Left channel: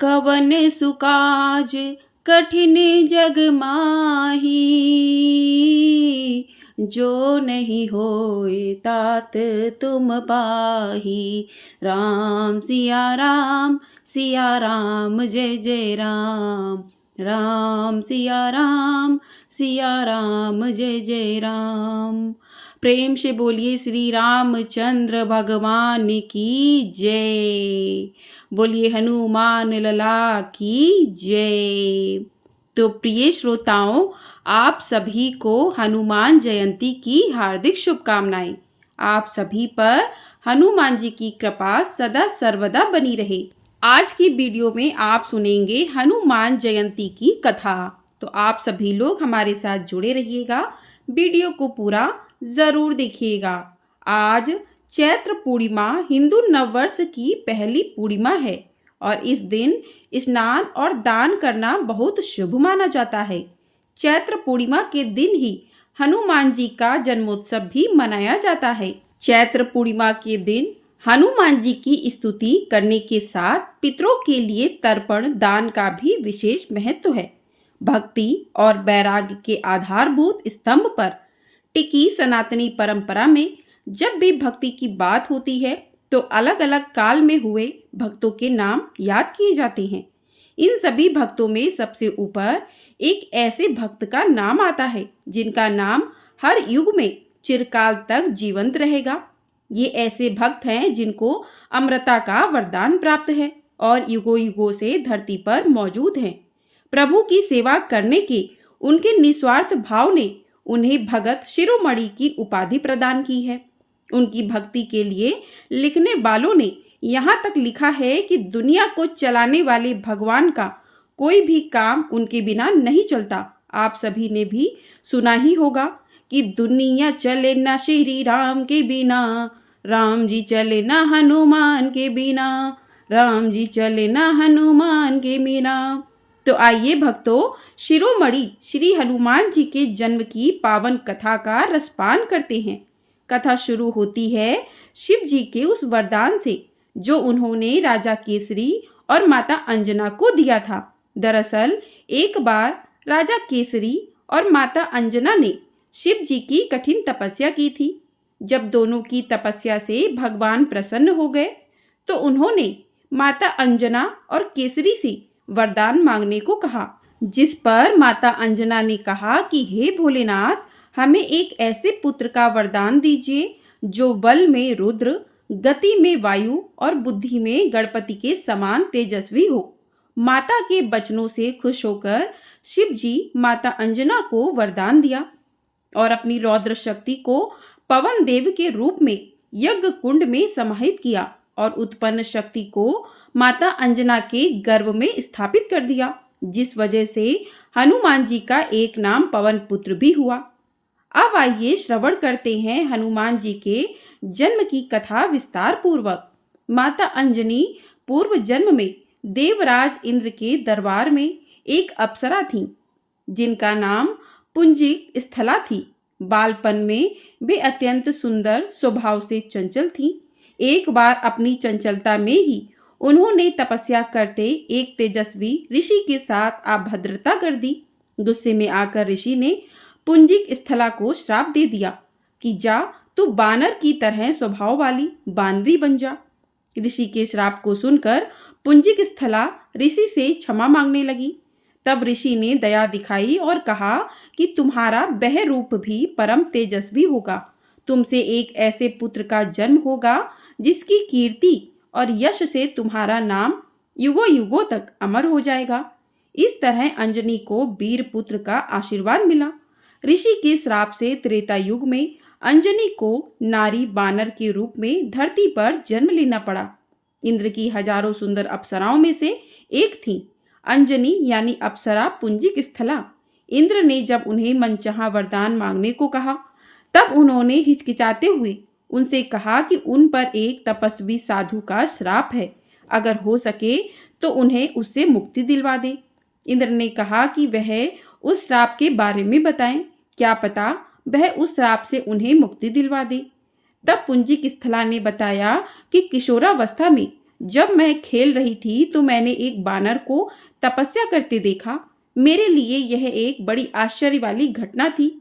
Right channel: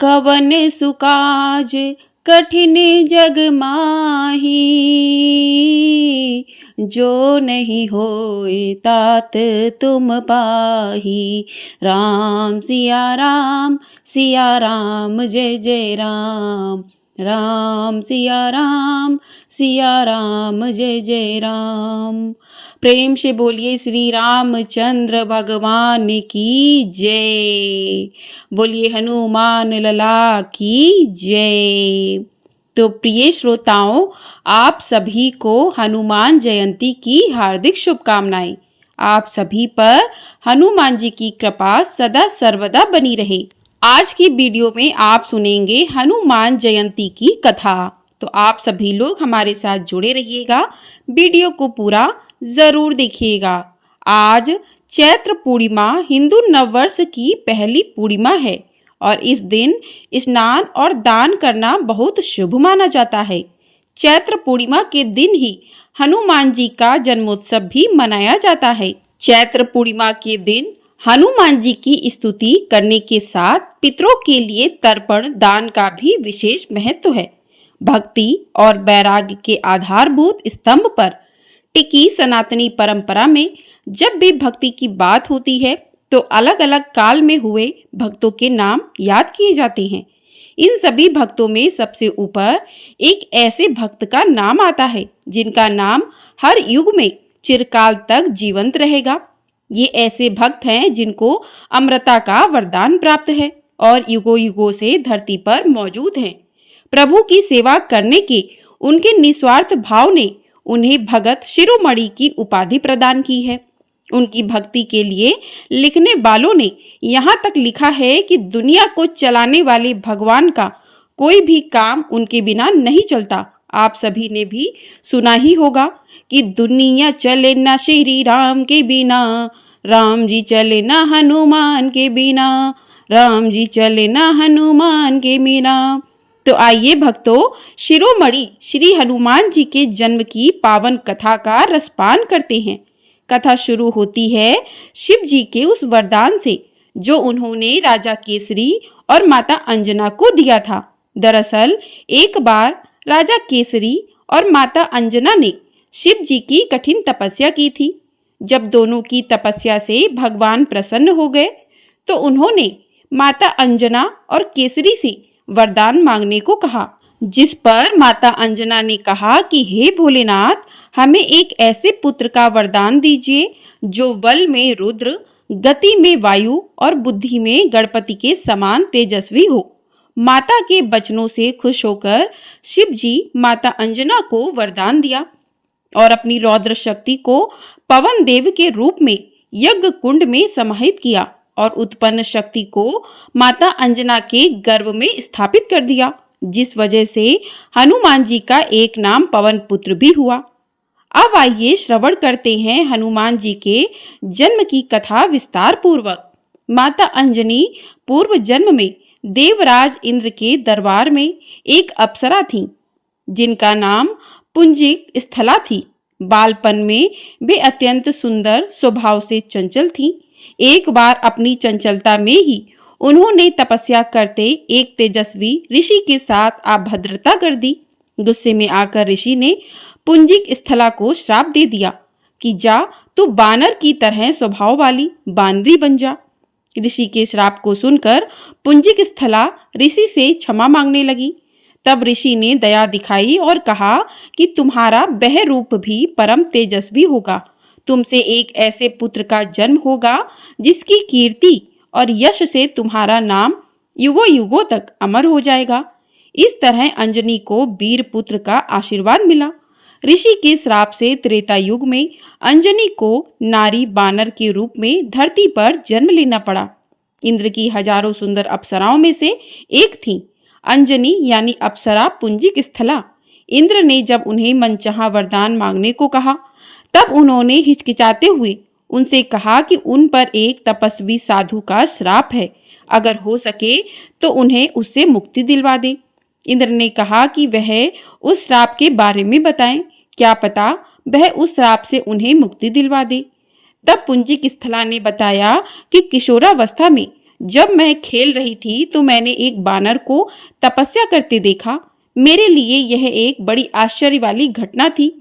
कवन सुकाज कठिन जग माही, जो नहीं होए तात तुम पाही। राम सिया राम जय जय राम। राम सिया राम जय जय राम। प्रेम से बोलिए श्री रामचंद्र भगवान की जय। बोलिए हनुमान लला की जय। तो प्रिय श्रोताओं, आप सभी को हनुमान जयंती की हार्दिक शुभकामनाएं। आप सभी पर हनुमान जी की कृपा सदा सर्वदा बनी रहे। आज की वीडियो में आप सुनेंगे हनुमान जयंती की कथा। तो आप सभी लोग हमारे साथ जुड़े रहिएगा, वीडियो को पूरा जरूर देखिएगा। आज चैत्र पूर्णिमा हिंदू नववर्ष की पहली पूर्णिमा है और इस दिन स्नान और दान करना बहुत शुभ माना जाता है। चैत्र पूर्णिमा के दिन ही हनुमान जी का जन्मोत्सव भी मनाया जाता है। चैत्र पूर्णिमा के दिन हनुमान जी की स्तुति करने के साथ पितरों के लिए तर्पण दान का भी विशेष महत्व है। भक्ति और वैराग्य के आधारभूत स्तंभ पर टिकी सनातनी परंपरा में जब भी भक्ति की बात होती है तो अलग अलग काल में हुए भक्तों के नाम याद किए जाते हैं। इन सभी भक्तों में सबसे ऊपर एक ऐसे भक्त का नाम आता है जिनका नाम हर युग में चिरकाल तक जीवंत रहेगा। ये ऐसे भक्त हैं जिनको अमरता का वरदान प्राप्त है और युगों युगों से धरती पर मौजूद हैं। प्रभु की सेवा करने के उनके निस्वार्थ भाव ने उन्हें भगत शिरोमणि की उपाधि प्रदान की है। उनकी भक्ति के लिए लिखने वालों ने यहाँ तक लिखा है कि दुनिया को चलाने वाले भगवान का कोई भी काम उनके बिना नहीं चलता। आप सभी ने भी सुना ही होगा कि दुनिया चले ना श्री राम के बिना, राम जी चले ना हनुमान के बिना, राम जी चले ना हनुमान के बिना। तो आइए भक्तों, शिरोमणि श्री हनुमान जी के जन्म की पावन कथा का रसपान करते हैं। कथा शुरू होती है शिव जी के उस वरदान से जो उन्होंने राजा केसरी और माता अंजना को दिया था। दरअसल एक बार राजा केसरी और माता अंजना ने शिव जी की कठिन तपस्या की थी। जब दोनों की तपस्या से भगवान प्रसन्न हो गए तो उन्होंने माता अंजना और केसरी से वरदान मांगने को कहा, जिस पर माता अंजना ने कहा कि हे भोलेनाथ, हमें एक ऐसे पुत्र का वरदान दीजिए जो बल में रुद्र, गति में वायु और बुद्धि में गणपति के समान तेजस्वी हो। माता के वचनों से खुश होकर शिव जी माता अंजना को वरदान दिया और अपनी रौद्र शक्ति को पवन देव के रूप में यज्ञ कुंड में समाहित किया और उत्पन्न शक्ति को माता अंजना के गर्भ में स्थापित कर दिया, जिस वजह से हनुमान जी का एक नाम पवन पुत्र भी हुआ। अब आइए श्रवण करते हैं हनुमान जी के जन्म की कथा विस्तार पूर्वक। माता अंजनी पूर्व जन्म में देवराज इंद्र के दरबार में एक अप्सरा थीं, जिनका नाम पुंजिक स्थला थी। बालपन में वे अत्यंत सुंदर स्वभाव से चंचल थीं। एक बार अपनी चंचलता में ही उन्होंने तपस्या करते एक तेजस्वी ऋषि के साथ अभद्रता कर दी। गुस्से में आकर ऋषि ने पुंजिक स्थला को श्राप दे दिया कि जा, तू बानर की तरह स्वभाव वाली बानरी बन जा। ऋषि के श्राप को सुनकर पुंजिक स्थला ऋषि से क्षमा मांगने लगी। तब ऋषि ने दया दिखाई और कहा कि तुम्हारा वह रूप भी परम तेजस्वी होगा। तुमसे एक ऐसे पुत्र का जन्म होगा जिसकी कीर्ति और यश से तुम्हारा नाम युगों युगों तक अमर हो जाएगा। इस तरह अंजनी को वीर पुत्र का आशीर्वाद मिला। ऋषि के श्राप से त्रेता युग में अंजनी को नारी बानर के रूप में धरती पर जन्म लेना पड़ा। इंद्र की हजारों सुंदर अप्सराओं में से एक थी अंजनी, यानी अप्सरा पुंजिक स्थला। इंद्र ने जब उन्हें मनचाहा वरदान मांगने को कहा तब उन्होंने हिचकिचाते हुए उनसे कहा कि उन पर एक तपस्वी साधु का श्राप है, अगर हो सके तो उन्हें उससे मुक्ति दिलवा दें। इंद्र ने कहा कि वह उस श्राप के बारे में बताएं, क्या पता वह उस श्राप से उन्हें मुक्ति दिलवा दे। तब पुंजिक स्थला ने बताया कि किशोरावस्था में जब मैं खेल रही थी तो मैंने एक बानर को तपस्या करते देखा। मेरे लिए यह एक बड़ी आश्चर्य वाली घटना थी,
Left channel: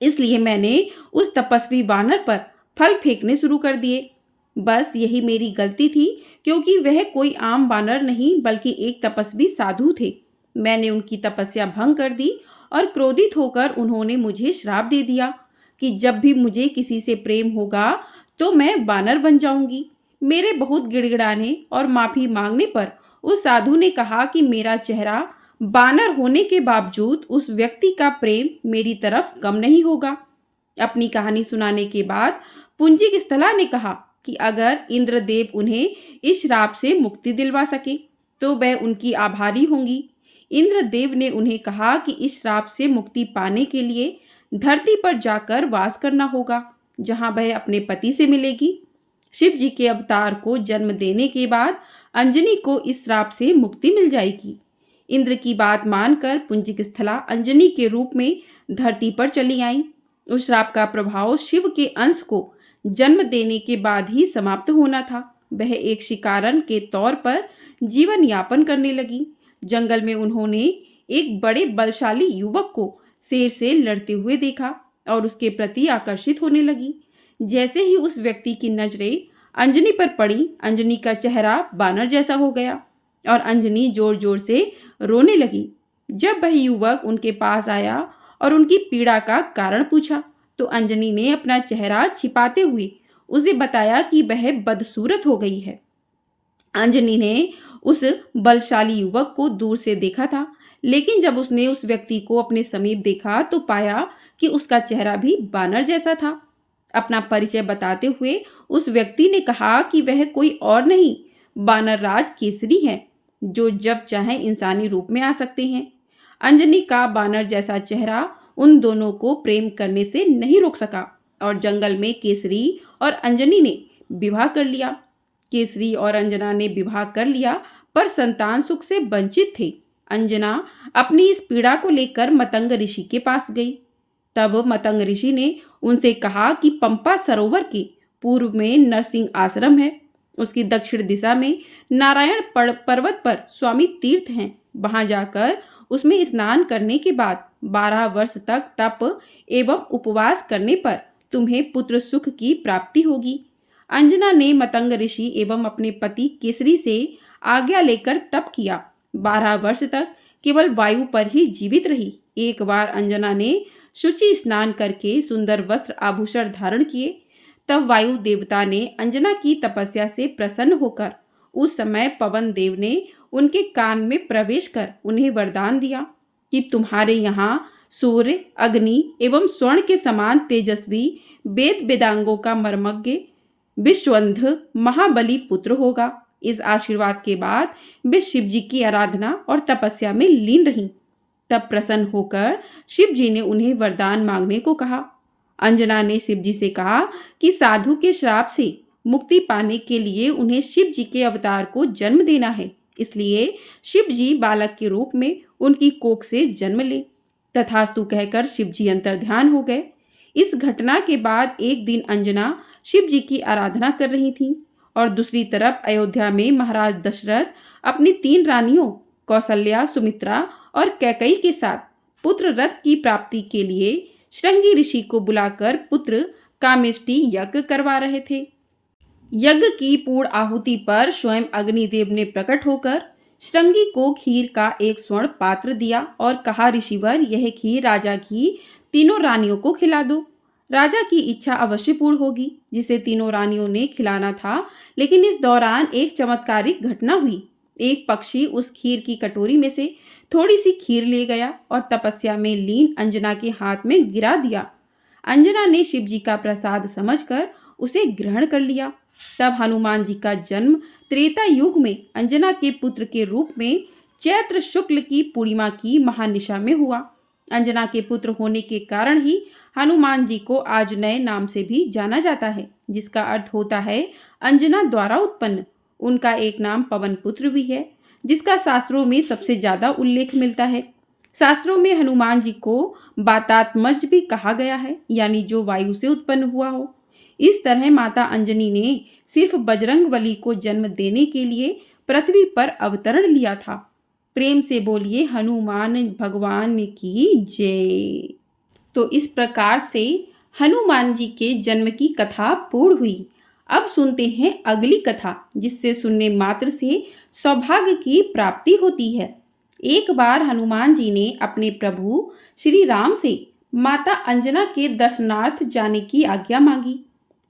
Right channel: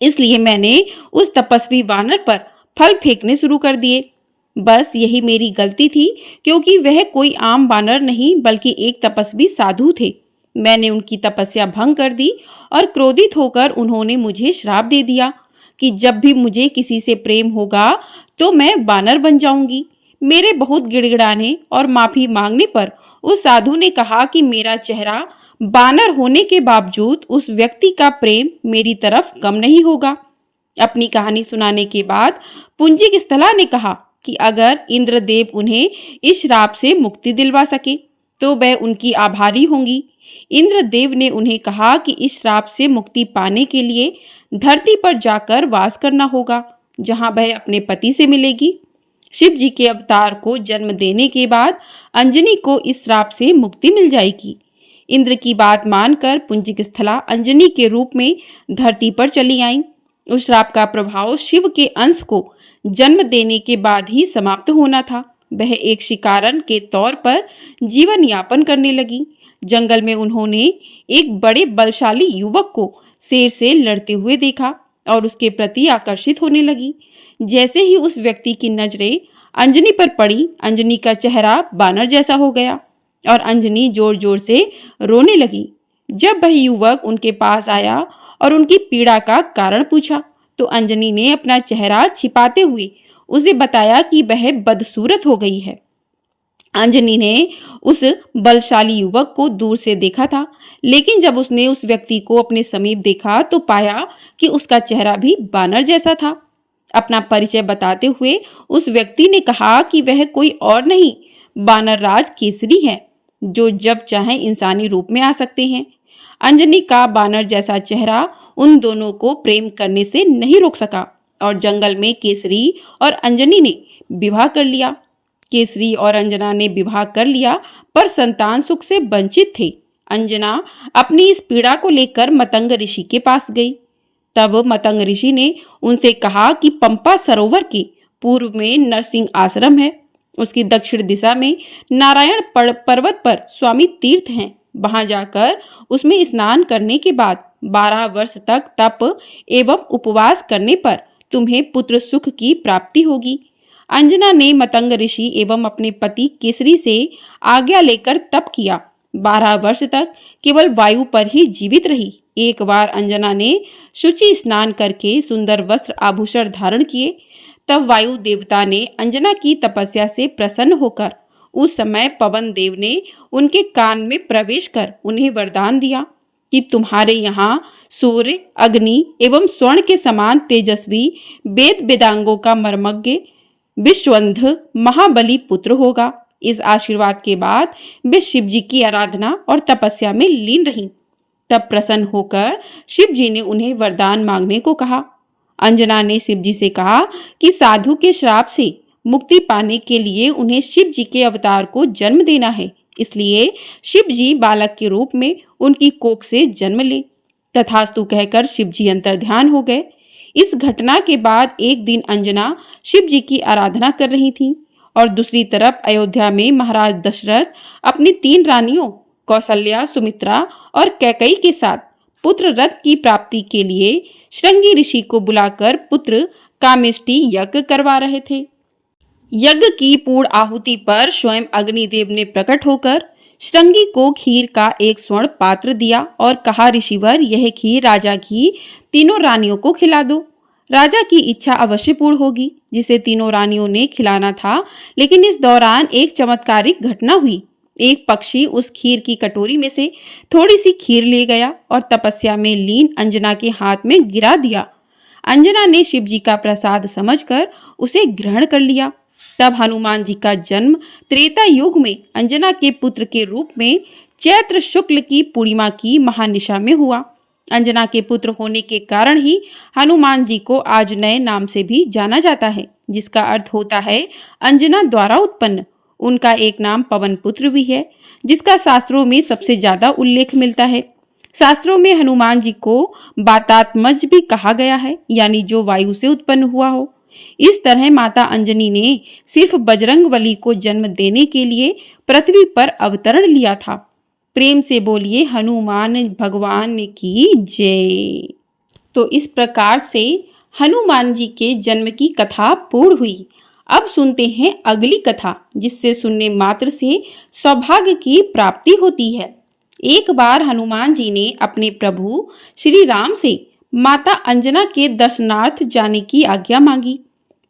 इसलिए मैंने उस तपस्वी वानर पर फल फेंकने शुरू कर दिए। बस यही मेरी गलती थी, क्योंकि वह कोई आम वानर नहीं बल्कि एक तपस्वी साधु थे। मैंने उनकी तपस्या भंग कर दी और क्रोधित होकर उन्होंने मुझे श्राप दे दिया कि जब भी मुझे किसी से प्रेम होगा तो मैं वानर बन जाऊंगी। मेरे बहुत गिड़गिड़ाने और माफी मांगने पर उस साधु ने कहा कि मेरा चेहरा बानर होने के बावजूद उस व्यक्ति का प्रेम मेरी तरफ कम नहीं होगा। अपनी कहानी सुनाने के बाद पुंजिक स्थला ने कहा कि अगर इंद्रदेव उन्हें इस श्राप से मुक्ति दिलवा सके तो वह उनकी आभारी होंगी। इंद्रदेव ने उन्हें कहा कि इस श्राप से मुक्ति पाने के लिए धरती पर जाकर वास करना होगा, जहां वह अपने पति से मिलेगी। शिव जी के अवतार को जन्म देने के बाद अंजनी को इस श्राप से मुक्ति मिल जाएगी। इंद्र की बात मानकर पुंजिक स्थला अंजनी के रूप में धरती पर चली आईं। उस श्राप का प्रभाव शिव के अंश को जन्म देने के बाद ही समाप्त होना था। वह एक शिकारन के तौर पर जीवन यापन करने लगी। जंगल में उन्होंने एक बड़े बलशाली युवक को शेर से लड़ते हुए देखा और उसके प्रति आकर्षित होने लगी। जैसे ही उस व्यक्ति की नजरें अंजनी पर पड़ी, अंजनी का चेहरा बानर जैसा हो गया और अंजनी जोर जोर से रोने लगी। जब वह युवक उनके पास आया और उनकी पीड़ा का कारण पूछा तो अंजनी ने अपना चेहरा छिपाते हुए उसे बताया कि वह बदसूरत हो गई है। अंजनी ने उस बलशाली युवक को दूर से देखा था, लेकिन जब उसने उस व्यक्ति को अपने समीप देखा तो पाया कि उसका चेहरा भी बानर जैसा था। अपना परिचय बताते हुए उस व्यक्ति ने कहा कि वह कोई और नहीं, बानर राज केसरी है, जो जब चाहे इंसानी रूप में आ सकते हैं। अंजनी का बानर जैसा चेहरा उन दोनों को प्रेम करने से नहीं रोक सका और जंगल में केसरी और अंजनी ने विवाह कर लिया। केसरी और अंजना ने विवाह कर लिया पर संतान सुख से वंचित थे। अंजना अपनी इस पीड़ा को लेकर मतंग ऋषि के पास गई। तब मतंग ऋषि ने उनसे कहा कि पंपा सरोवर के पूर्व में नरसिंह आश्रम है, उसकी दक्षिण दिशा में नारायण पर्वत पर स्वामी तीर्थ हैं। वहां जाकर उसमें स्नान करने के बाद 12 वर्ष तक तप एवं उपवास करने पर तुम्हें पुत्र सुख की प्राप्ति होगी। अंजना ने मतंग ऋषि एवं अपने पति केसरी से आज्ञा लेकर तप किया। 12 वर्ष तक केवल वायु पर ही जीवित रही। एक बार अंजना ने शुचि स्नान करके सुंदर वस्त्र आभूषण धारण किए। तब वायु देवता ने अंजना की तपस्या से प्रसन्न होकर उस समय पवन देव ने उनके कान में प्रवेश कर उन्हें वरदान दिया कि तुम्हारे यहाँ सूर्य, अग्नि एवं स्वर्ण के समान तेजस्वी वेद वेदांगों का मर्मज्ञ विश्वंध महाबली पुत्र होगा। इस आशीर्वाद के बाद वे शिव जी की आराधना और तपस्या में लीन रहीं। तब प्रसन्न होकर शिव जी ने उन्हें वरदान मांगने को कहा। अंजना ने शिव जी से कहा कि साधु के श्राप से मुक्ति पाने के लिए उन्हें शिव जी के अवतार को जन्म देना है, इसलिए शिव जी बालक के रूप में उनकी कोख से जन्म ले। तथास्तु कहकर शिव जी अंतर्ध्यान हो गए। इस घटना के बाद एक दिन अंजना शिव जी की आराधना कर रही थी और दूसरी तरफ अयोध्या में महाराज दशरथ अपनी 3 रानियों कौशल्या, सुमित्रा और कैकेयी के साथ पुत्र रथ की प्राप्ति के लिए श्रृंगी ऋषि को बुलाकर पुत्र कामेष्टि यज्ञ करवा रहे थे। यज्ञ की पूर्ण आहुति पर स्वयं अग्निदेव ने प्रकट होकर श्रृंगी को खीर का एक स्वर्ण पात्र दिया और कहा, ऋषिवर, यह खीर राजा की 3 रानियों को खिला दो। राजा की इच्छा अवश्य पूर्ण होगी, जिसे 3 रानियों ने खिलाना था। लेकिन इस दौरान एक चमत्कारिक घटना हुई। एक पक्षी उस खीर की कटोरी में से थोड़ी सी खीर ले गया और तपस्या में लीन अंजना के हाथ में गिरा दिया। अंजना ने शिव जी का प्रसाद समझकर उसे ग्रहण कर लिया। तब हनुमान जी का जन्म त्रेता युग में अंजना के पुत्र के रूप में चैत्र शुक्ल की पूर्णिमा की महानिशा में हुआ। अंजना के पुत्र होने के कारण ही हनुमान जी को आज नए नाम से भी जाना जाता है, जिसका अर्थ होता है अंजना द्वारा उत्पन्न। उनका एक नाम पवन पुत्र भी है, जिसका शास्त्रों में सबसे ज्यादा उल्लेख मिलता है। शास्त्रों में हनुमान जी को वातात्मज भी कहा गया है, यानी जो वायु से उत्पन्न हुआ हो। इस तरह माता अंजनी ने सिर्फ बजरंगबली को जन्म देने के लिए पृथ्वी पर अवतरण लिया था। प्रेम से बोलिए हनुमान भगवान की जय। तो इस प्रकार से हनुमान जी के जन्म की कथा पूर्ण हुई। अब सुनते हैं अगली कथा, जिससे सुनने मात्र से सौभाग्य की प्राप्ति होती है। एक बार हनुमान जी ने अपने प्रभु श्री राम से माता अंजना के दर्शनार्थ जाने की आज्ञा मांगी।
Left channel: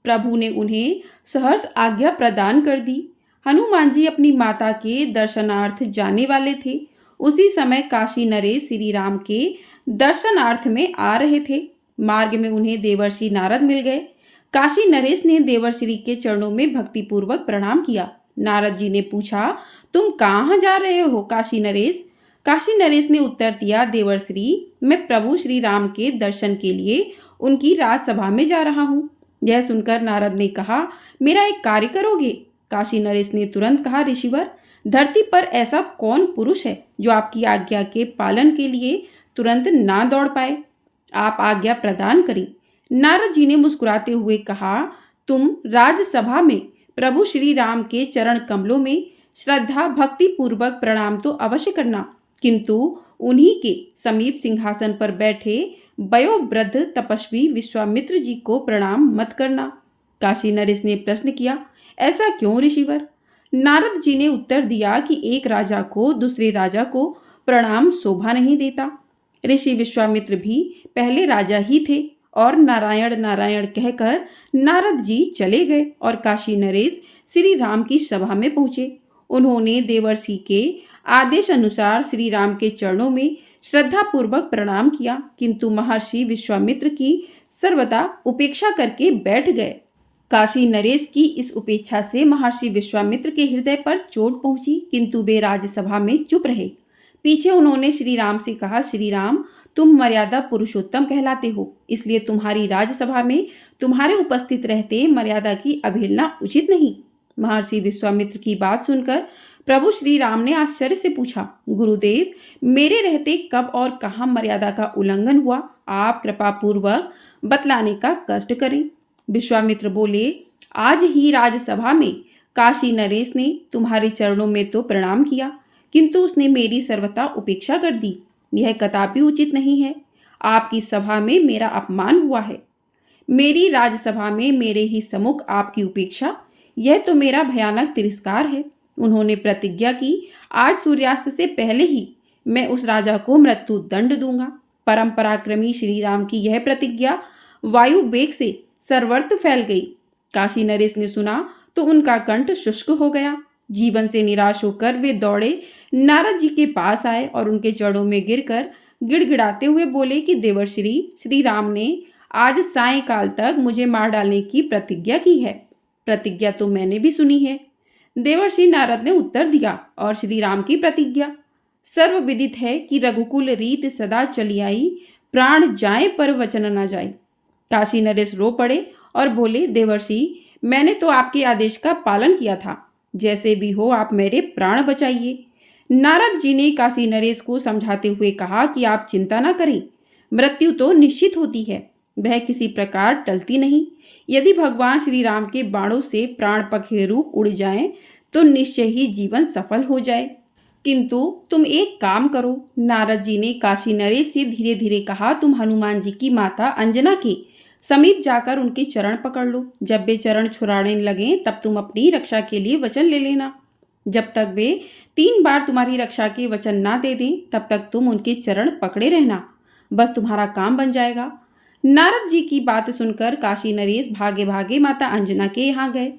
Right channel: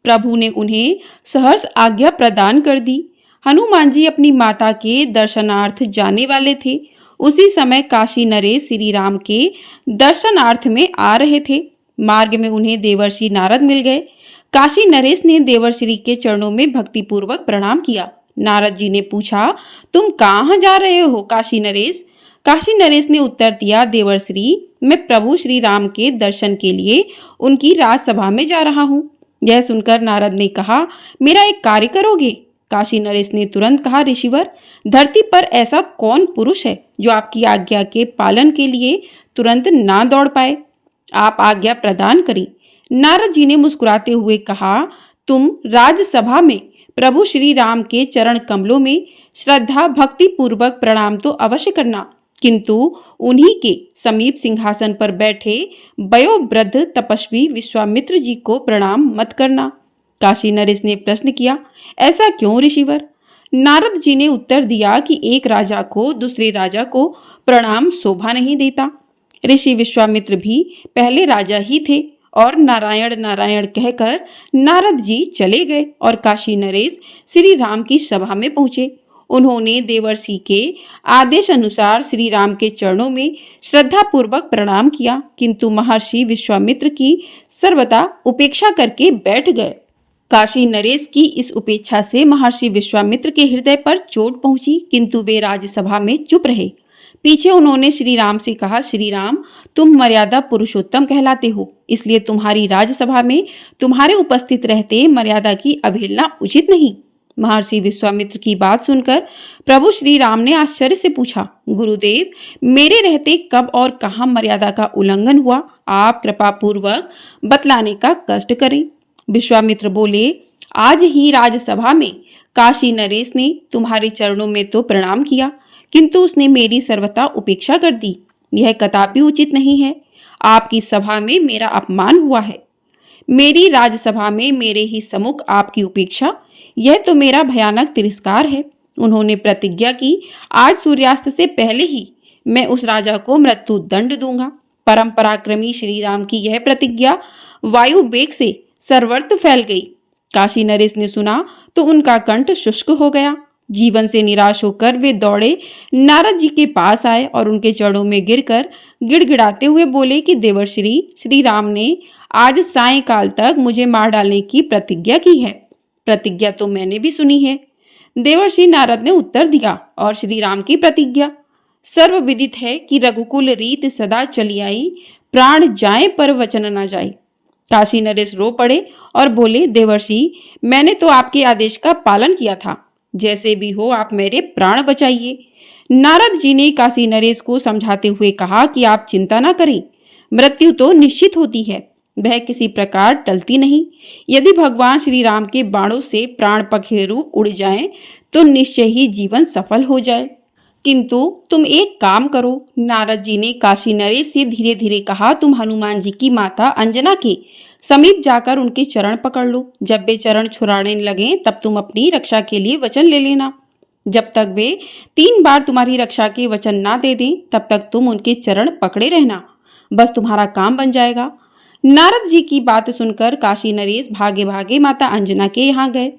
प्रभु ने उन्हें सहर्ष आज्ञा प्रदान कर दी। हनुमान जी अपनी माता के दर्शनार्थ जाने वाले थे। उसी समय काशी नरेश श्री राम के दर्शनार्थ में आ रहे थे। मार्ग में उन्हें देवर्षि नारद मिल गए। काशी नरेश ने देवर्षि के चरणों में भक्तिपूर्वक प्रणाम किया। नारद जी ने पूछा, तुम कहाँ जा रहे हो काशी नरेश? काशी नरेश ने उत्तर दिया, देवर्षि, मैं प्रभु श्री राम के दर्शन के लिए उनकी राजसभा में जा रहा हूँ। यह सुनकर नारद ने कहा, मेरा एक कार्य करोगे? काशी नरेश ने तुरंत कहा, ऋषिवर, धरती पर ऐसा कौन पुरुष है जो आपकी आज्ञा के पालन के लिए तुरंत ना दौड़ पाए? आप आज्ञा प्रदान करें। नारद जी ने मुस्कुराते हुए कहा, तुम राजसभा में प्रभु श्री राम के चरण कमलों में श्रद्धा भक्ति पूर्वक प्रणाम तो अवश्य करना, किंतु उन्हीं के समीप सिंहासन पर बैठे वयोवृद्ध तपस्वी विश्वामित्र जी को प्रणाम मत करना। काशी नरेश ने प्रश्न किया, ऐसा क्यों ऋषिवर? नारद जी ने उत्तर दिया कि एक राजा को दूसरे राजा को प्रणाम शोभा नहीं देता। ऋषि विश्वामित्र भी पहले राजा ही थे और नारायण नारायण कहकर नारद जी चले गए और काशी नरेश श्री राम की सभा में पहुंचे। उन्होंने देवर्षि के आदेश अनुसार श्री राम के चरणों में श्रद्धा पूर्वक प्रणाम किया, किंतु महर्षि विश्वामित्र की सर्वथा उपेक्षा करके बैठ गए। काशी नरेश की इस उपेक्षा से महर्षि विश्वामित्र के हृदय पर चोट पहुंची, किंतु वे राजसभा में चुप रहे। पीछे उन्होंने श्री राम से कहा, श्री राम, तुम मर्यादा पुरुषोत्तम कहलाते हो, इसलिए तुम्हारी राजसभा में तुम्हारे उपस्थित रहते मर्यादा की अवहेलना उचित नहीं। महर्षि विश्वामित्र की बात सुनकर प्रभु श्री राम ने आश्चर्य से पूछा, गुरुदेव, मेरे रहते कब और कहाँ मर्यादा का उल्लंघन हुआ? आप कृपा पूर्वक बतलाने का कष्ट करें। विश्वामित्र बोले, आज ही राजसभा में काशी नरेश ने तुम्हारे चरणों में तो प्रणाम किया, किंतु उसने मेरी सर्वथा उपेक्षा कर दी। यह कदापि उचित नहीं है। आपकी सभा में मेरा अपमान हुआ है। मेरी राजसभा में मेरे ही सम्मुख आपकी उपेक्षा, यह तो मेरा भयानक तिरस्कार है। उन्होंने प्रतिज्ञा की, आज सूर्यास्त से पहले ही मैं उस राजा को मृत्यु दंड दूंगा। परम पराक्रमी श्री राम की यह प्रतिज्ञा वायु वेग से सर्वत्र फैल गई। काशी नरेश ने सुना तो उनका कंठ शुष्क हो गया। जीवन से निराश होकर वे दौड़े नारद जी के पास आए और उनके चरणों में गिरकर गिड़गिड़ाते हुए बोले कि देवर्षि, श्री राम ने आज सायंकाल तक मुझे मार डालने की प्रतिज्ञा की है। प्रतिज्ञा तो मैंने भी सुनी है। देवर्षि नारद ने उत्तर दिया, और श्री राम की प्रतिज्ञा सर्वविदित है कि रघुकुल रीत सदा चली आई, प्राण जाए पर वचन न जाए। काशी नरेश रो पड़े और बोले, देवर्षि, मैंने तो आपके आदेश का पालन किया था, जैसे भी हो आप मेरे प्राण बचाइए। नारद जी ने काशी नरेश को समझाते हुए कहा कि आप चिंता न करें, मृत्यु तो निश्चित होती है, वह किसी प्रकार टलती नहीं। यदि भगवान श्री राम के बाणों से प्राण पखेरु उड़ जाएं, तो निश्चय ही जीवन सफल हो जाए। किंतु तुम एक काम करो। नारद जी ने काशी नरेश से धीरे धीरे कहा, तुम हनुमान जी की माता अंजना के समीप जाकर उनके चरण पकड़ लो। जब वे चरण छुड़ाने लगे तब तुम अपनी रक्षा के लिए वचन ले लेना। जब तक वे 3 बार तुम्हारी रक्षा के वचन ना दे दें, तब तक तुम उनके चरण पकड़े रहना, बस तुम्हारा काम बन जाएगा। नारद जी की बात सुनकर काशी नरेश भागे भागे माता अंजना के यहाँ गए।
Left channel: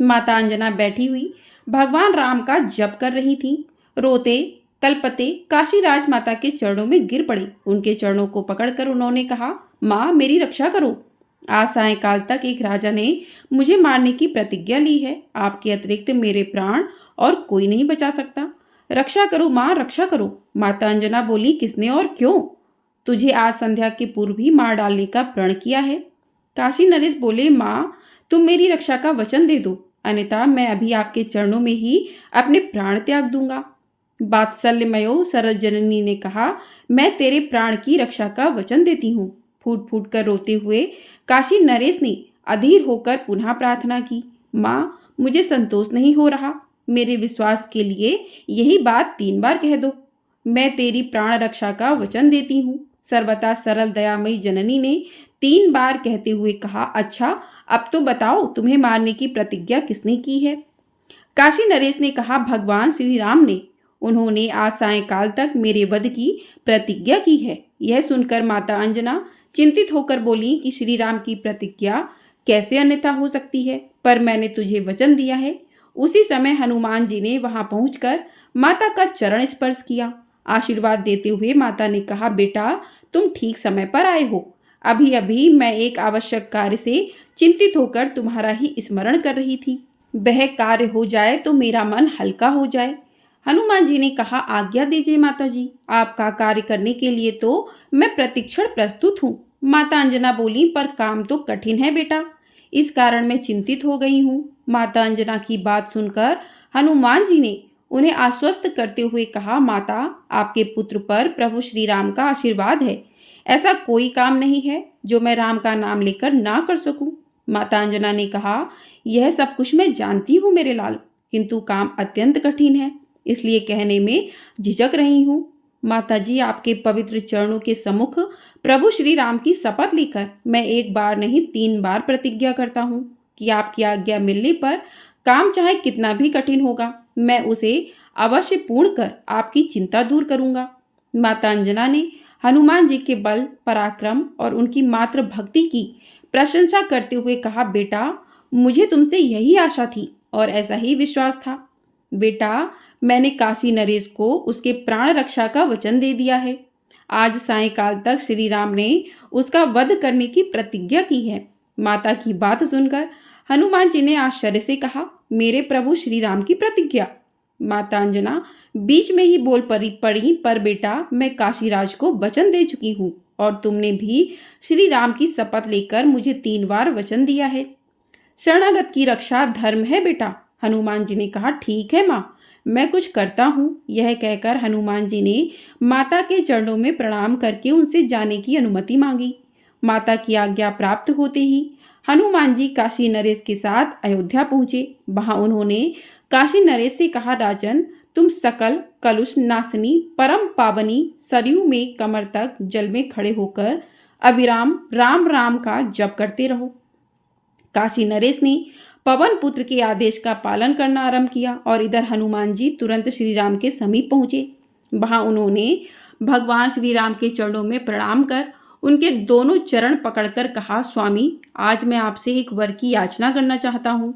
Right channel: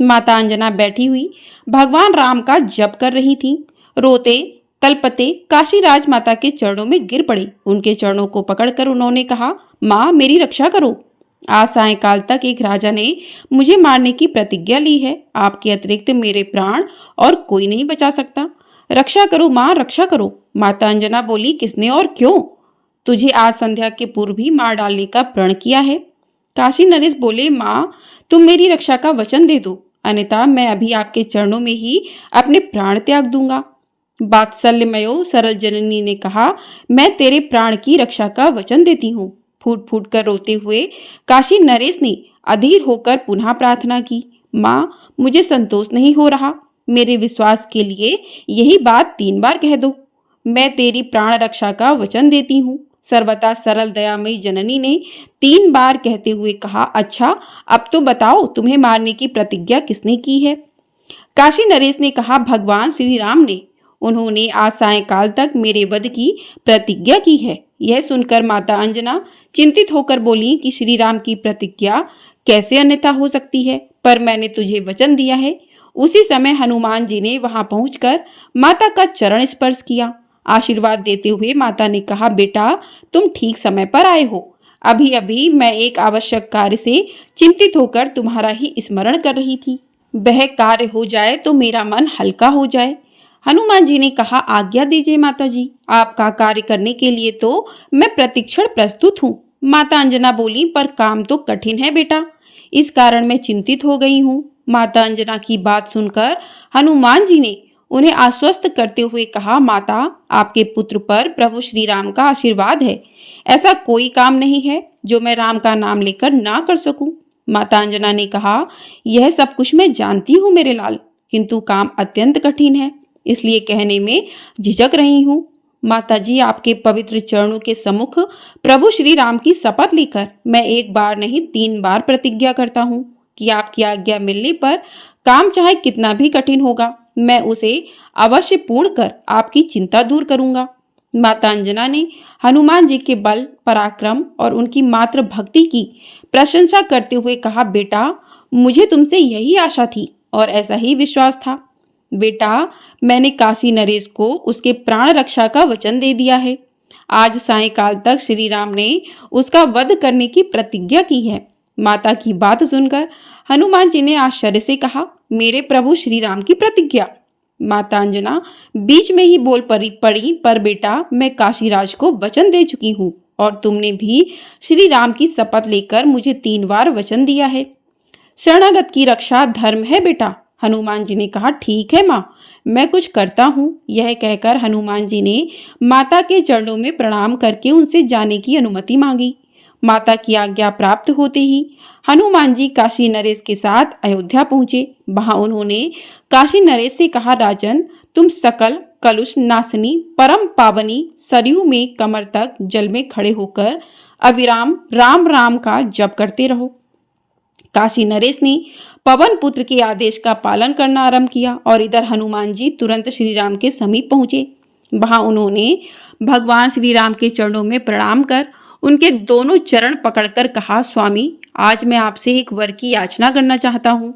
माता अंजना बैठी हुई भगवान राम का जप कर रही थीं। रोते कलपते काशी राजमाता के चरणों में गिर पड़े। उनके चरणों को पकड़कर उन्होंने कहा, माँ, मेरी रक्षा करो। आज सायंकाल तक एक राजा ने मुझे मारने की प्रतिज्ञा ली है। आपके अतिरिक्त मेरे प्राण और कोई नहीं बचा सकता। रक्षा करो माँ, रक्षा करो। माता अंजना बोली, किसने और क्यों? तुझे आज संध्या के पूर्व ही मार डालने का प्रण किया है। काशी नरेश बोले, माँ, तुम मेरी रक्षा का वचन दे दो, अन्यथा मैं अभी आपके चरणों में ही अपने प्राण त्याग दूंगा। वात्सल्यमयो सरल जननी ने कहा, मैं तेरे प्राण की रक्षा का वचन देती हूँ। फूट फूट कर रोते हुए काशी नरेश ने अधीर होकर पुनः प्रार्थना की, माँ मुझे संतोष नहीं हो रहा, मेरे विश्वास के लिए यही बात 3 बार कह दो। मैं तेरी प्राण रक्षा का वचन देती हूँ। सर्वथा सरल दयामयी जननी ने 3 बार कहते हुए कहा, अच्छा अब तो बताओ तुम्हें मारने की प्रतिज्ञा किसने की है? काशी नरेश ने कहा, भगवान श्री राम ने। उन्होंने आज सायंकाल तक मेरे वध की प्रतिज्ञा की है। यह सुनकर माता अंजना चिंतित होकर बोली कि श्री राम की प्रतिज्ञा कैसे अन्यथा हो सकती है, पर मैंने तुझे वचन दिया है। उसी समय हनुमान जी ने वहां पहुंचकर माता का चरण स्पर्श किया। आशीर्वाद देते हुए माता ने कहा, बेटा तुम ठीक समय पर आए हो। अभी अभी मैं एक आवश्यक कार्य से चिंतित होकर तुम्हारा ही स्मरण कर रही थी। वह कार्य हो जाए तो मेरा मन हल्का हो जाए। हनुमान जी ने कहा, आज्ञा दीजिए माता जी, आपका कार्य करने के लिए तो मैं प्रतिक्षण प्रस्तुत हूँ। माता अंजना बोली, पर काम तो कठिन है बेटा, इस कारण मैं चिंतित हो गई हूँ। माता अंजना की बात सुनकर हनुमान जी ने उन्हें आश्वस्त करते हुए कहा, माता आपके पुत्र पर प्रभु श्री राम का आशीर्वाद है। ऐसा कोई काम नहीं है जो मैं राम का नाम लेकर ना कर सकूं। माता अंजना ने कहा, यह सब कुछ मैं जानती हूँ मेरे लाल, किंतु काम अत्यंत कठिन है, इसलिए कहने में झिझक रही हूँ। माता जी आपके पवित्र चरणों के सम्मुख प्रभु श्री राम की शपथ लेकर मैं 1 बार नहीं 3 बार प्रतिज्ञा करता हूँ कि आपकी आज्ञा मिलने पर काम चाहे कितना भी कठिन होगा, मैं उसे अवश्य पूर्ण कर आपकी चिंता दूर करूंगा। माता अंजना ने हनुमान जी के बल, पराक्रम और उनकी मात्र भक्ति की प्रशंसा करते हुए कहा, बेटा मुझे तुमसे यही आशा थी और ऐसा ही विश्वास था। बेटा मैंने काशी नरेश को उसके प्राण रक्षा का वचन दे दिया है। आज सायंकाल तक श्री राम ने उसका वध करने की प्रतिज्ञा की है। माता की बात सुनकर हनुमान जी ने आश्चर्य से कहा, मेरे प्रभु श्री राम की प्रतिज्ञा? माता अंजना बीच में ही बोल पड़ी, पर बेटा मैं काशीराज को वचन दे चुकी हूँ और तुमने भी श्री राम की शपथ लेकर मुझे 3 बार वचन दिया है। शरणागत की रक्षा धर्म है बेटा। हनुमान जी ने कहा, ठीक है माँ, मैं कुछ करता हूँ। यह कहकर हनुमान जी ने माता के चरणों में प्रणाम करके उनसे जाने की अनुमति मांगी। माता की आज्ञा प्राप्त होते ही हनुमान जी काशी नरेश के साथ अयोध्या पहुंचे। वहां उन्होंने काशी नरेश से कहा, राजन तुम सकल कलुष नाशनी परम पावनी सरयू में कमर तक जल में खड़े होकर अविराम राम राम का जप करते रहो। काशी नरेश ने पवन पुत्र के आदेश का पालन करना आरंभ किया और इधर हनुमान जी तुरंत श्री राम के समीप पहुंचे। वहां उन्होंने भगवान श्री राम के चरणों में प्रणाम कर उनके दोनों चरण पकड़कर कहा, स्वामी आज मैं आपसे एक वर की याचना करना चाहता हूँ।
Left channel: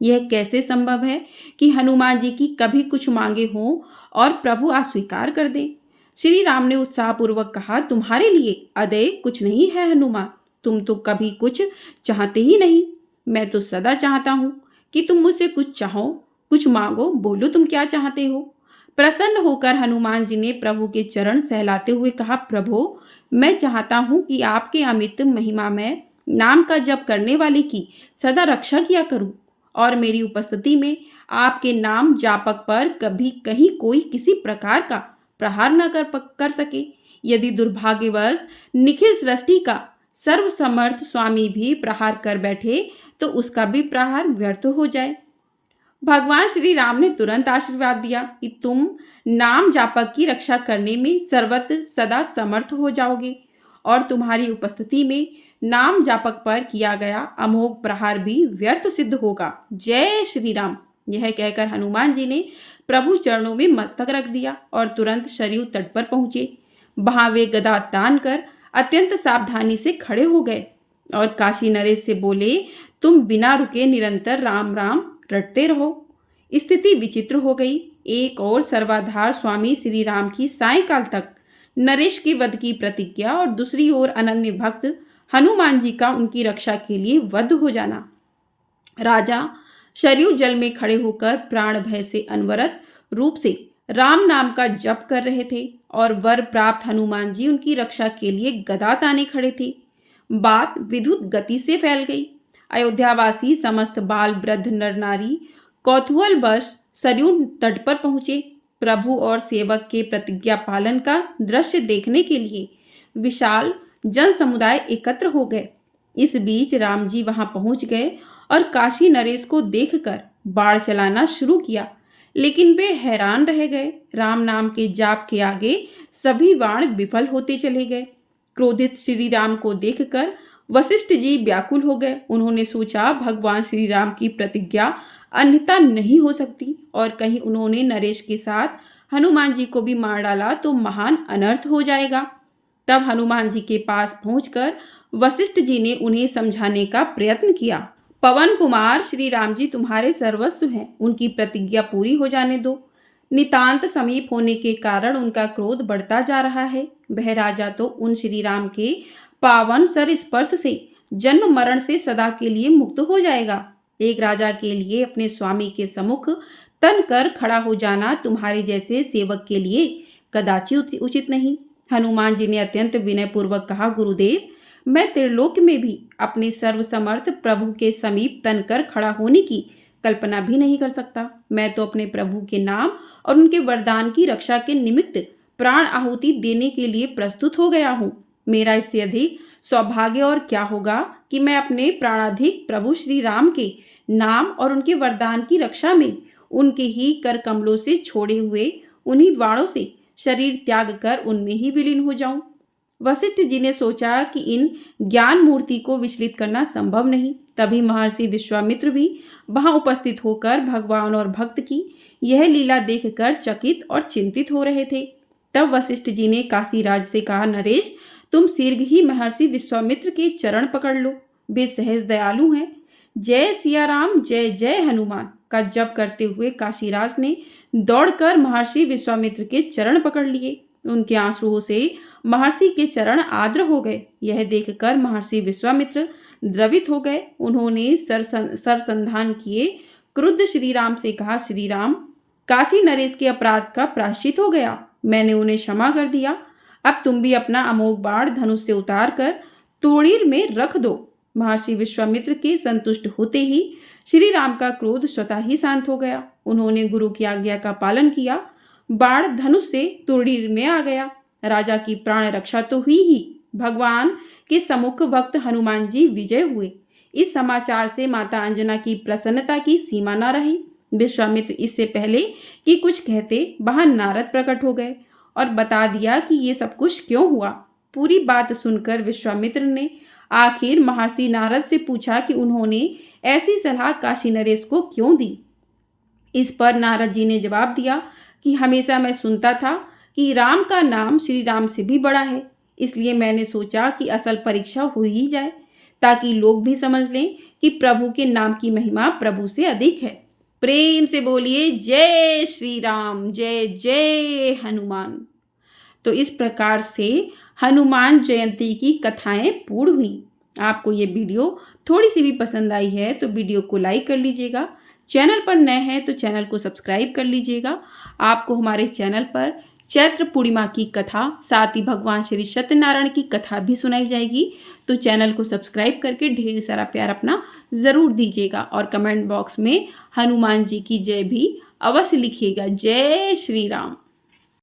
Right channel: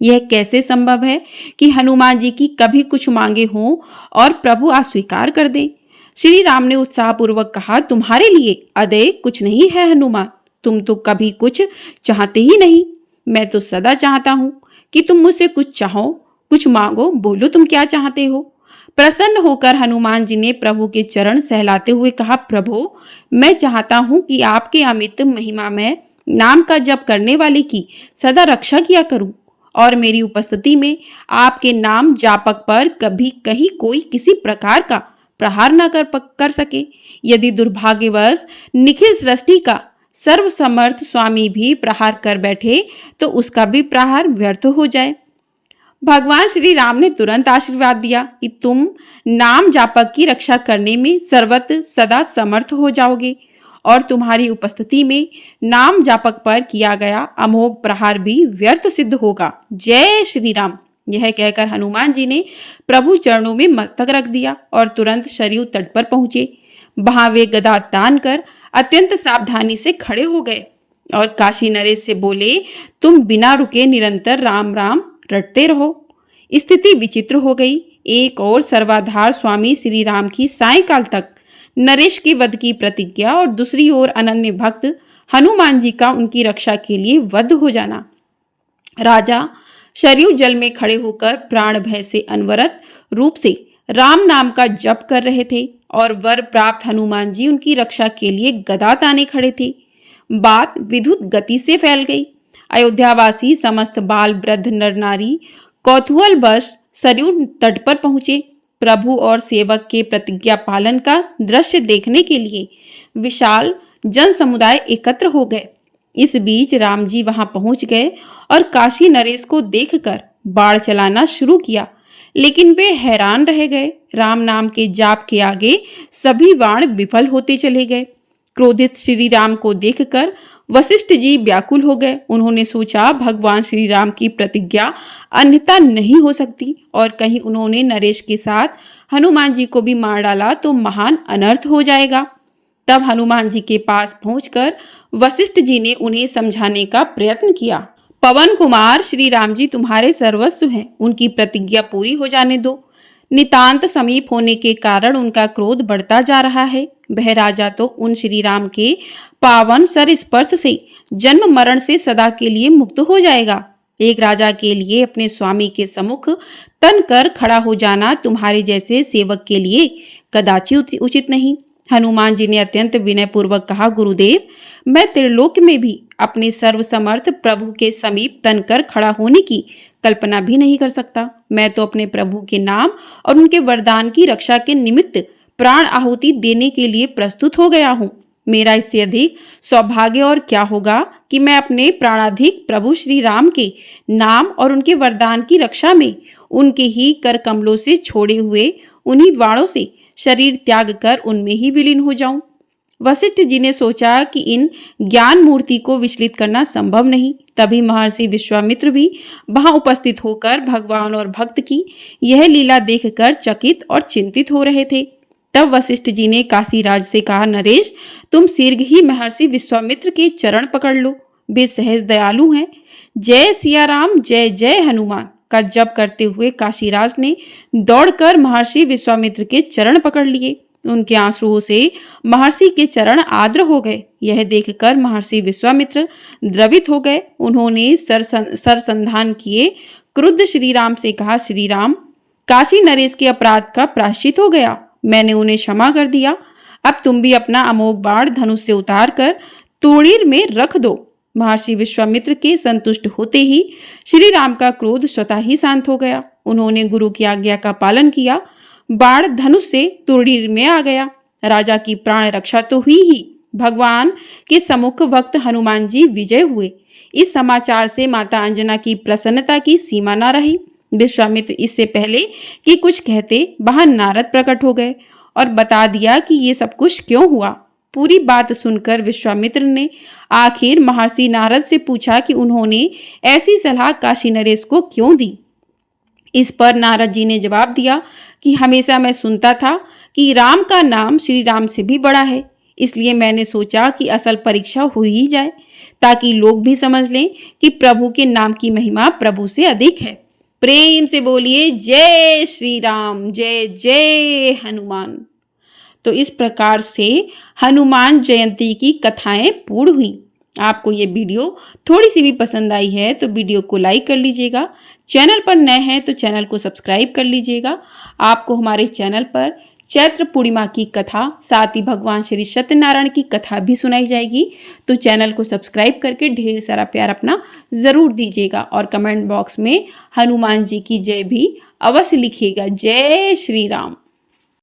यह कैसे संभव है कि हनुमान जी की कभी कुछ मांगे हों और प्रभु अस्वीकार कर दे? श्री राम ने उत्साहपूर्वक कहा, तुम्हारे लिए अदय कुछ नहीं है हनुमान, तुम तो कभी कुछ चाहते ही नहीं। मैं तो सदा चाहता हूँ कि तुम मुझसे कुछ चाहो, कुछ मांगो, बोलो तुम क्या चाहते हो। प्रसन्न होकर हनुमान जी ने प्रभु के चरण सहलाते हुए कहा, प्रभु मैं चाहता हूँ कि आपके अमित महिमा में नाम का जप करने वाले की सदा रक्षा किया करूं और मेरी उपस्थिति में आपके नाम जापक पर कभी कहीं कोई किसी प्रकार का प्रहार न कर सके। यदि दुर्भाग्यवश निखिल सृष्टि का सर्वसमर्थ स्वामी भी प्रहार कर बैठे तो उसका भी प्रहार व्यर्थ हो जाए। भगवान श्री राम ने तुरंत आशीर्वाद दिया कि तुम नाम जापक की रक्षा करने में सर्वत्र सदा समर्थ हो जाओगे और तुम्हारी उपस्थिति में नाम जापक पर किया गया अमोघ प्रहार भी व्यर्थ सिद्ध होगा। जय श्री राम। यह कहकर हनुमान जी ने प्रभु चरणों में मस्तक रख दिया और तुरंत सरयू तट पर पहुंचे। वहां वे गदा तान कर अत्यंत सावधानी से खड़े हो गए और काशी नरेश से बोले, तुम बिना रुके निरंतर राम राम रटते रहो। स्थिति विचित्र हो गई। एक और सर्वाधार स्वामी श्री राम की सायंकाल तक नरेश के वध की प्रतिज्ञा और दूसरी ओर अनन्य भक्त हनुमान जी का उनकी रक्षा के लिए वध हो जाना। राजा सरयू जल में खड़े होकर प्राण भय से अनवरत रूप से राम नाम का जप कर रहे थे और वर प्राप्त हनुमान जी उनकी रक्षा के लिए गदा ताने खड़े थे। बात विद्युत गति से फैल गई। अयोध्यावासी समस्त बाल वृद्ध नर नारी कौतूहल बश सरयू तट पर पहुंचे। प्रभु और सेवक के प्रतिज्ञा पालन का दृश्य देखने के लिए विशाल जन समुदाय एकत्र हो गए। इस बीच राम जी वहां पहुंच गए और काशी नरेश को देखकर बाण चलाना शुरू किया, लेकिन वे हैरान रह गए। राम नाम के जाप के आगे सभी बाण विफल होते चले गए। क्रोधित श्री राम को देखकर वशिष्ठ जी व्याकुल हो गए। उन्होंने सोचा भगवान श्री राम की प्रतिज्ञा अन्यथा नहीं हो सकती, और कहीं उन्होंने नरेश के साथ हनुमान जी को भी मार डाला तो महान अनर्थ हो जाएगा। तब हनुमान जी के पास पहुंचकर वशिष्ठ जी ने उन्हें समझाने का प्रयत्न किया। पवन कुमार, श्री राम जी तुम्हारे सर्वस्व हैं, उनकी प्रतिज्ञा पूरी हो जाने दो। नितांत समीप होने के कारण उनका क्रोध बढ़ता जा रहा है। वह राजा तो उन श्री राम के पावन सर स्पर्श से जन्म मरण से सदा के लिए मुक्त हो जाएगा। एक राजा के लिए अपने स्वामी के सम्मुख तन कर खड़ा हो जाना तुम्हारे जैसे सेवक के लिए कदाचित उचित नहीं। हनुमान जी ने अत्यंत विनयपूर्वक कहा, गुरुदेव, मैं त्रिलोक में भी अपने सर्वसमर्थ प्रभु के समीप तनकर खड़ा होने की कल्पना भी नहीं कर सकता। मैं तो अपने प्रभु के नाम और उनके वरदान की रक्षा के निमित्त प्राण आहुति देने के लिए प्रस्तुत हो गया हूँ। मेरा इससे अधिक सौभाग्य और क्या होगा कि मैं अपने प्राणाधिक प्रभु श्री राम के नाम और उनके वरदान की रक्षा में उनके ही कर कमलों से छोड़े हुए उन्हीं वाणों से शरीर त्याग कर उनमें ही विलीन हो जाऊं। वशिष्ठ जी ने सोचा कि इन ज्ञान मूर्ति को विचलित करना संभव नहीं। तभी महर्षि विश्वामित्र भी वहां उपस्थित होकर भगवान और भक्त की यह लीला देखकर चकित और चिंतित हो रहे थे। तब वशिष्ठ जी ने काशीराज से कहा, नरेश, तुम शीघ्र ही महर्षि विश्वामित्र के चरण पकड़ लो, वे सहज दयालु हैं। जय सिया राम, जय जय हनुमान का जप करते हुए काशीराज ने दौड़कर महर्षि विश्वामित्र के चरण पकड़ लिए। उनके आंसुओं से महर्षि के चरण आर्द्र हो गए। यह देखकर महर्षि विश्वामित्र द्रवित हो गए। उन्होंने सरसंधान किए क्रुद्ध श्री राम से कहा, श्री राम, काशी नरेश के अपराध का प्रायश्चित हो गया, मैंने उन्हें क्षमा कर दिया। अब तुम भी अपना अमोघ बाण धनुष से उतार कर तोड़ीर में रख दो। महर्षि विश्वामित्र के संतुष्ट होते ही श्री राम का क्रोध स्वतः ही शांत हो गया। उन्होंने गुरु की आज्ञा का पालन किया। बाण धनुष से तोड़ीर में आ गया। राजा की प्राण रक्षा तो हुई ही, भगवान के सम्मुख भक्त हनुमान जी विजय हुए। इस समाचार से माता अंजना की प्रसन्नता की सीमा न रही। विश्वामित्र इससे पहले कि कुछ कहते वहां नारद प्रकट हो गए और बता दिया कि ये सब कुछ क्यों हुआ। पूरी बात सुनकर विश्वामित्र ने आखिर महर्षि नारद से पूछा कि उन्होंने ऐसी सलाह काशी नरेश को क्यों दी। इस पर नारद जी ने जवाब दिया कि हमेशा मैं सुनता था कि राम का नाम श्री राम से भी बड़ा है, इसलिए मैंने सोचा कि असल परीक्षा हो ही जाए, ताकि लोग भी समझ लें कि प्रभु के नाम की महिमा प्रभु से अधिक है। प्रेम से बोलिए जय श्री राम, जय जय हनुमान। तो इस प्रकार से हनुमान जयंती की कथाएं पूर्ण हुई। आपको ये वीडियो थोड़ी सी भी पसंद आई है तो वीडियो को लाइक कर लीजिएगा। चैनल पर नए हैं तो चैनल को सब्सक्राइब कर लीजिएगा। आपको हमारे चैनल पर चैत्र पूर्णिमा की कथा, साथ ही भगवान श्री सत्यनारायण की कथा भी सुनाई जाएगी। तो चैनल को सब्सक्राइब करके ढेर सारा प्यार अपना ज़रूर दीजिएगा और कमेंट बॉक्स में हनुमान जी की जय भी अवश्य लिखिएगा। जय श्री राम।